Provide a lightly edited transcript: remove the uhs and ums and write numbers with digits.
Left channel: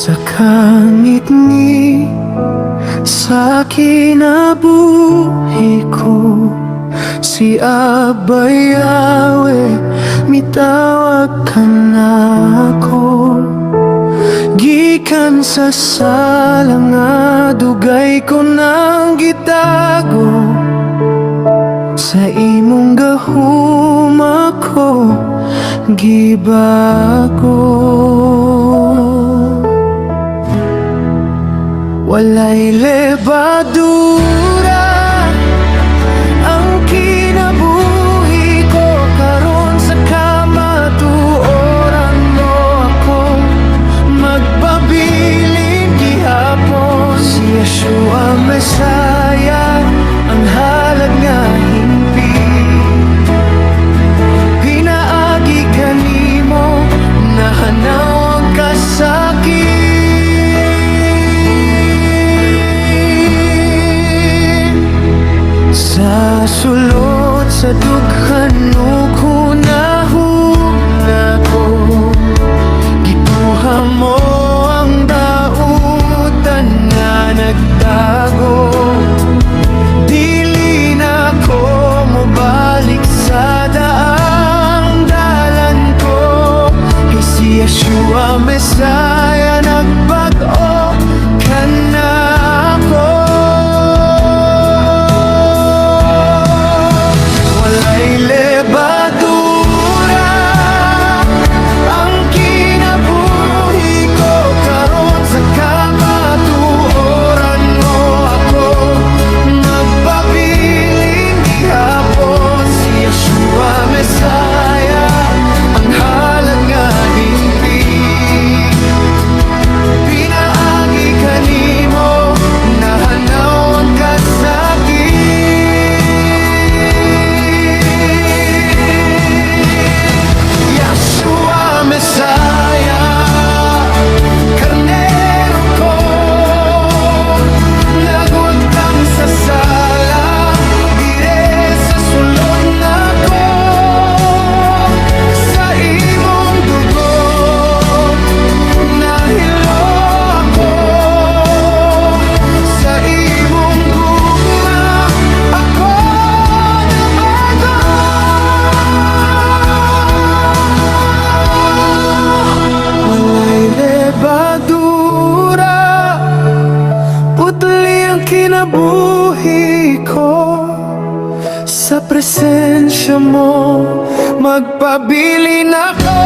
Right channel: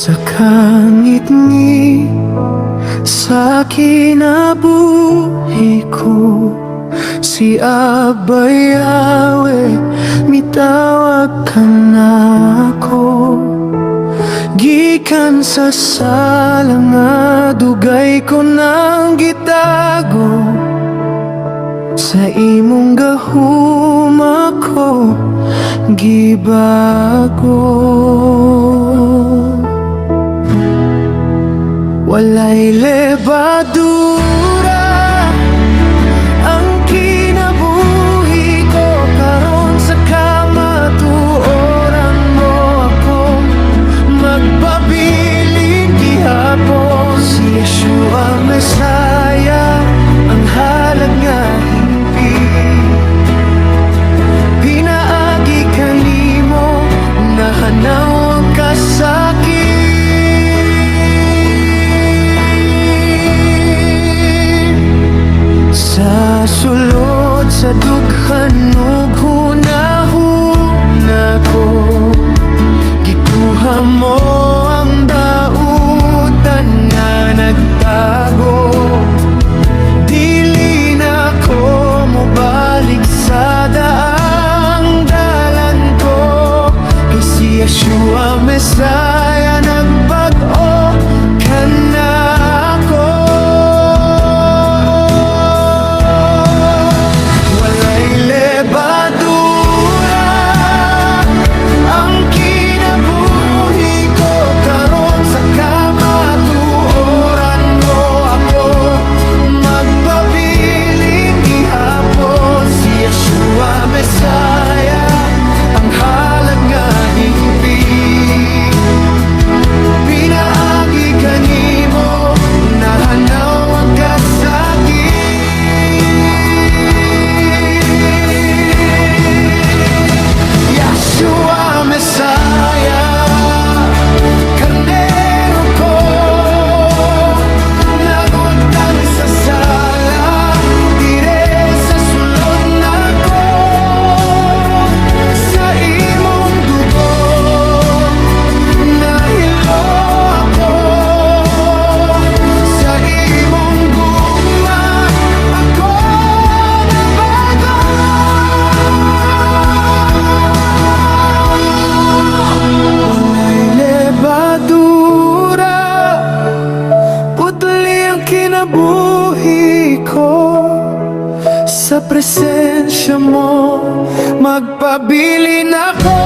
Sa kangit-ngit sa kinabuhi ko, si Abba Yahweh, mitawag ka na ako. Gikan sa sala nga dugay ko nang gitago, sa imong gahum ako gibago. Walay lebadura ang kinabuhi ko, karon sa kamatuoran mo ako magpabiling gihapon. Si Yeshua Mesaya ang halad nga himpi, pinaagi kanimo nahanaw ang kasakit. Sa sulod sa dughan ug hunahuna ko, gikuha mo ang dautan nga nagtago. Dili na ko mobalik sa daang dalan ko, kay si Yeshua Mesaya nagbag-o ka na ako. Lebadura ang kinabuhi ko, karon sa kamatuoran mo ako magpabiling gihapon. Si Yeshua Mesaya ang halad nga himpi, pinaagi kanimo nahanaw ang kasakit. Mesaya, karnero ko, nagutang sa sala, dire sa sulod na ko, sa imong dugo, nahilo ako, sa imong gugma, ako nabago. Walay lebadura, putli ang kinabuhi ko, sa presensya mo magpabilin ako.